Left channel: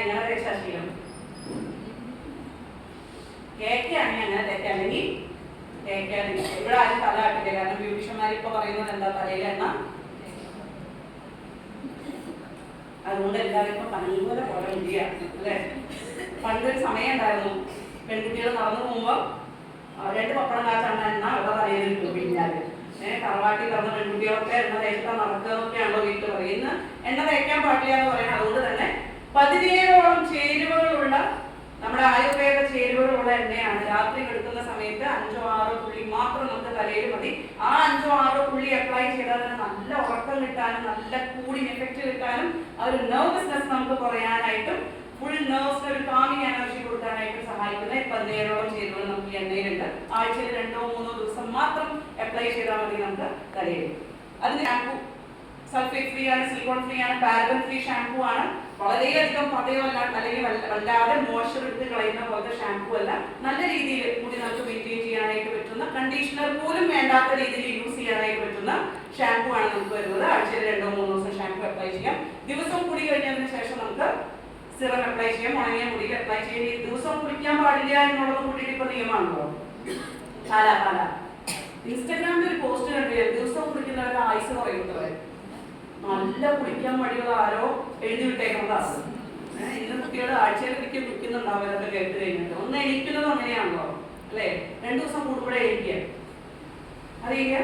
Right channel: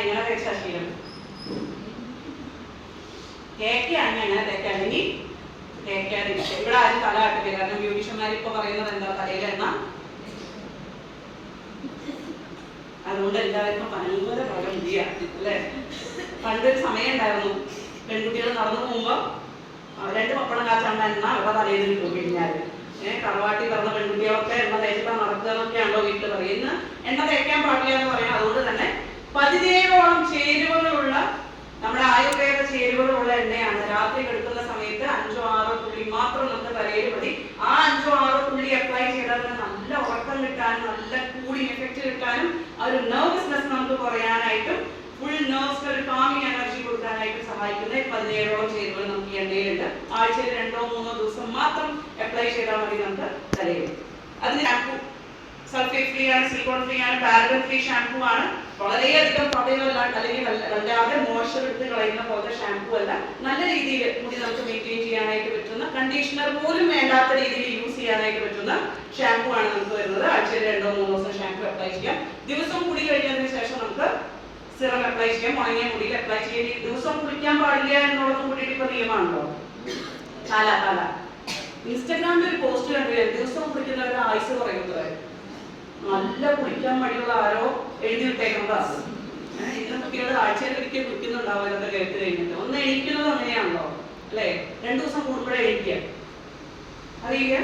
എങ്ങനെ തേച്ചാ ശീലം? തേക്കാണെങ്കിൽ എങ്ങനെ തേക്കാം, അല്ലെങ്കിൽ തേക്കാതിരിക്കുക. ഇവിടെ ആരും തല ആട്ടില്ല. കാരണം ബ്യൂട്ടീഷ്യന്മാർ ഇപ്പൊ പറയുന്നത് എന്താ, തലയിൽ എണ്ണ. അതുകൊണ്ട് എല്ലാവർക്കും ഭയങ്കര പോലെ മുടിയാണ് അല്ലേ. പണ്ടൊരു സമയം ഉണ്ടായിരുന്നു, പെൺകുട്ടികൾ നടന്നു പോകുമ്പോൾ 2 പപ്പടം കാച്ചാണ്ട എണ്ണ അവരുടെ തലയിൽ കിട്ടും. പിന്നാല് തറവാട്ടി പറഞ്ഞ പെൺകുട്ടികളൊക്കെ എണ്ണ തേച്ചിട്ടാണ് നടക്കുന്നതൊക്കെയാണല്ലോ വീട്ടിൽ പറയും. ഇന്ന് എണ്ണ തേക്കാൻ പാടില്ല എന്ന് പറയാം. അതുകൊണ്ട് തന്നെ 17ഓളം ചേരുവകളുള്ള നമ്മുടെ ആയുർവേദ ചേരുവകളുള്ള എണ്ണയാണ്. രാത്രി കിടക്കുന്ന സമയത്ത് 5-6 തുള്ളി മാത്രം നമുക്ക് തലയിൽ മതി. ആ 5-6 തുള്ളി അപ്ലൈ ചെയ്താൽ തന്നെ നല്ല ഉറക്കം കിട്ടാനും നല്ല കൂളിംഗ് എഫക്റ്റ് കിട്ടാനും ആ ഒരു നെർവസ്നെസ് നമുക്ക് കുറയാനായിട്ടും ഫുൾ നെർവ്സിന് ഒരു കാമിങ് എനർജി കൊടുക്കാനായിട്ട് സഹായിക്കുന്ന 17ഓളം ചേരുവകൾ നമുക്ക് ഈ എണ്ണയിലുണ്ട്. ആഴ്ചയിൽ 2-3 ദിവസം മാത്രം അപ്ലൈ ചെയ്താൽ മതി നമുക്ക് തലയിൽ. അതിന് ഷാമ്പു സൾഫേറ്റ് ഫ്രീ ആണ്, സിലിക്കോൺ ഫ്രീ ആണ്, പാരബൻ ഫ്രീ ഷാമ്പു ആണ്. വളരെയധികം പതയല്ല, അല്ലെങ്കിൽ വല്ലാതെ മോയ്സ്ചർ എടുത്ത് കളയുന്ന പോലത്തെ ഷാമ്പു അല്ല. നല്ല രീതിയിൽ മുടി നമുക്ക് മെയിൻറ്റെയിൻ ചെയ്യാനായിട്ട് പറ്റുന്ന, കണ്ടീഷണർ പോലും വേണ്ടാത്ത രീതിയിൽ യൂസ് ചെയ്യാനായിട്ട് പറ്റുന്ന ഷാമ്പു ആണ് നമുക്ക് വരുന്നത്. ആഴ്ചയിൽ 2-3 ദിവസം ഷാമ്പു അപ്ലൈ ചെയ്യാം. ദിവസം കുടി കഴിഞ്ഞതിന് ശേഷം നമുക്ക് സിറം അപ്ലൈ ചെയ്യാം, ഉണങ്ങിയ മുടിയിൽ അപ്ലൈ ചെയ്യാം. ഈ ദിവസം കുളിക്കാൻ പാടില്ല എന്നുള്ളത് കൂട്ടിയിട്ട് ഇപ്പൊ നിയമാണല്ലോ. കാല ഇൻസ്റ്റാഗ്രാമിൽ ഒരു പോസ്റ്റ് കണ്ടില്ലേ, ദിവസം കുളിക്കുന്നവരുടെ ആയുസ് പറയുന്നത്. നല്ല കുളിക്കാൻ മടിയുള്ള ആരോ എഴുതി വിട്ടേക്കുന്നതാണ്. ഇന്ന് കുട്ടികൾ ആഴ്ചയിൽ ഒരിക്കൽ കുളിക്കുന്നുണ്ടാവും. ഇതൊക്കെ കേട്ട് കഴിഞ്ഞിട്ട് ഒന്ന് എണീക്കുന്നത് അങ്ങനെയാണല്ലോ അല്ലേ. 2 ദിവസം കൂടുമ്പോഴേ എണീക്കുക. അറിയില്ല,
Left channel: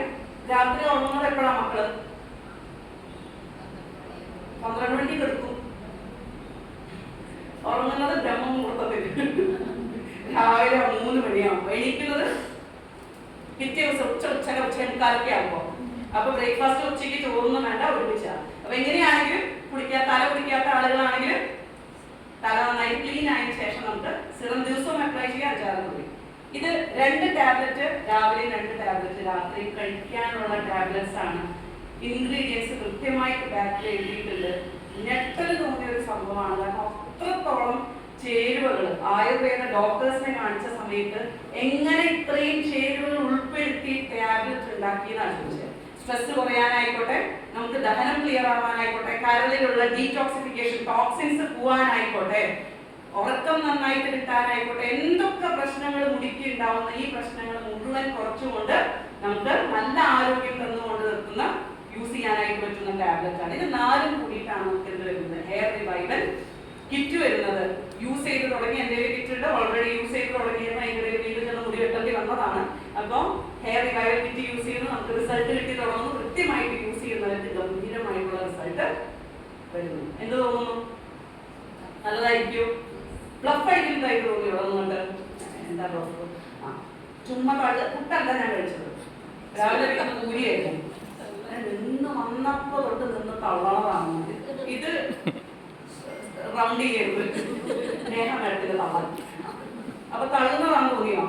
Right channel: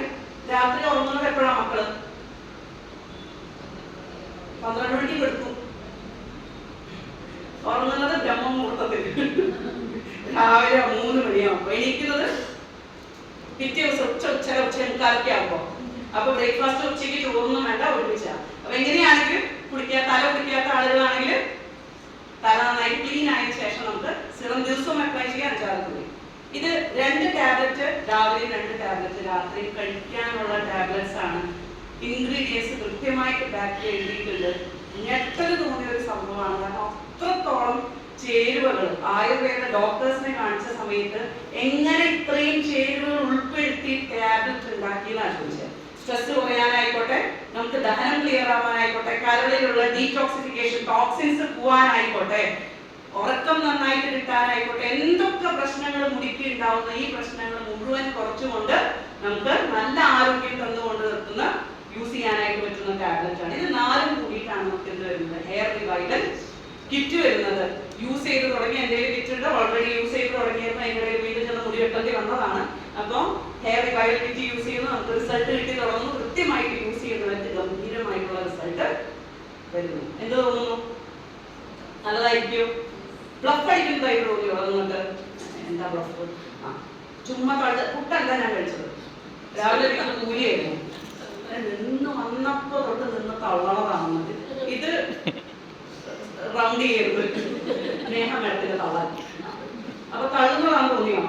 രാത്രി ഉറങ്ങുന്നത് എപ്പോഴാണ് മക്കള്? 12 മണിക്ക് കിടക്കും. ഉറങ്ങുന്നത് ബ്രഹ്മമുഹൂർത്തത്തിൽ രാവിലെ 3 മണിയാകുമ്പോ. എണീക്കുന്നത് പിറ്റേ ദിവസം ഉച്ചമുക്കാലൊക്കെ ആകുമ്പോ. അപ്പൊ ബ്രേക്ക്ഫാസ്റ്റ് ഉച്ചയ്ക്ക് ചോറൊന്നും വേണ്ട, ഒരുമിച്ച. അപ്പൊ എങ്ങനെയാണെങ്കിലും തല കുടിക്കാത്ത ആളുകളാണെങ്കിൽ തല നന്നായി ക്ലീൻ ആയതിനു ശേഷം നമുക്ക് സിറം ദിവസവും അപ്ലൈ ചെയ്യാൻ 5-6 തുള്ളി. ഇത് 2 ടാബ്ലറ്റ് രാവിലെയും 2 ടാബ്ലറ്റ് രാത്രി കഴിക്കാനുള്ള ടാബ്ലറ്റ്സ് ആണ്. ഇൻഗ്രീഡിയൻസ് കൃത്യമായിട്ട് ബാക്കിൽ എഴുതിയിട്ടുണ്ട്. ഞെട്ടല് തോന്നിയ ഒരു സംഭവമാണ്. കാരണം അത്രത്തോളം ചേരുവകൾ ആയുർവേദ ഡോക്ടേഴ്സിനെ കാണിച്ച സമയത്ത് എങ്ങനെ ഇത്രയും ചേരുവകൾ ഉൾപ്പെടുത്തി ടാബ്ലറ്റ് ഉണ്ടാക്കിയെന്നാണ് ചോദിച്ചത്. സ്ട്രെസ് കുറയാനായിക്കോട്ടെ, നമുക്ക് ദഹനം ക്ലിയർ ആവാനായിക്കോട്ടെ, കരളിലുള്ള ഡീടോക്സിഫിക്കേഷൻ, ടോക്സിൻസ് പോവാനായിക്കോട്ടെ, ഉറക്കം നന്നായിട്ട് കിട്ടാനായിക്കോട്ടെ, എന്തൊക്കെ പ്രശ്നങ്ങൾ മുടിക്ക് ഉണ്ടാവുന്ന ഈ പ്രശ്നങ്ങൾ മുഴുവൻ കുറച്ചുകൊണ്ട് നമുക്ക് നല്ല ആരോഗ്യം തന്നുകൊണ്ട് നിർത്തുന്ന യൂസ് ചെയ്യാനായിട്ട് പറ്റുന്ന ടാബ്ലറ്റ് ആണ്. ഇത് 4ഉം കൂടിയിട്ടാണ് നമുക്ക് ഇത് വരുന്നത്. ഹെയർ റിവൈവൽ കിറ്റ് വരുന്നത്. യൂസ് ചെയ്ത് തുടങ്ങി എന്തെങ്കിലും കിറ്റ് ഉണ്ട്, ഓൾറെഡി യൂസ് ചെയ്ത് തുടങ്ങിയപ്പോൾ അതിൻ്റെ വീണ്ടും ചെന്ന് മുടി വെട്ടേണ്ടി വന്നതാണ്. അപ്പോൾ ഹെയർ റിവൈവൽ കിറ്റ് യൂസ് ചെയ്യുന്നത് നമുക്ക് റിസൾട്ട് കിട്ടി തുടങ്ങുന്നു. കൃത്യമായിട്ട് യൂസ് ചെയ്യുന്നവർക്ക് ഗംഭീരമായിട്ടുള്ള റിസൾട്ട് വരുന്നു. എന്ത് തോന്നുന്നു? നല്ലതായിരിക്കും. ഫ്ലഫ് അടിക്കുന്നതായിട്ട് തോന്നി തുടങ്ങുന്നുണ്ട്. എന്താ ഫ്ലഫ്? ചുമ്മാ പുട്ടല്ല ഞാൻ കഴിച്ചത്. രാവിലെ കൂലിയായിരുന്നു. നിന്ന് വന്നപ്പോ തൊട്ട് നിന്ന് തള്ളണതാണ്. ഇത് റൗണ്ട് ചെയ്യരുത്, സ്നേഹം എടുത്തിട്ട് തള്ളാൻ. അപ്പൊ തള്ളുന്നതാണെന്ന് തോന്നിയോ?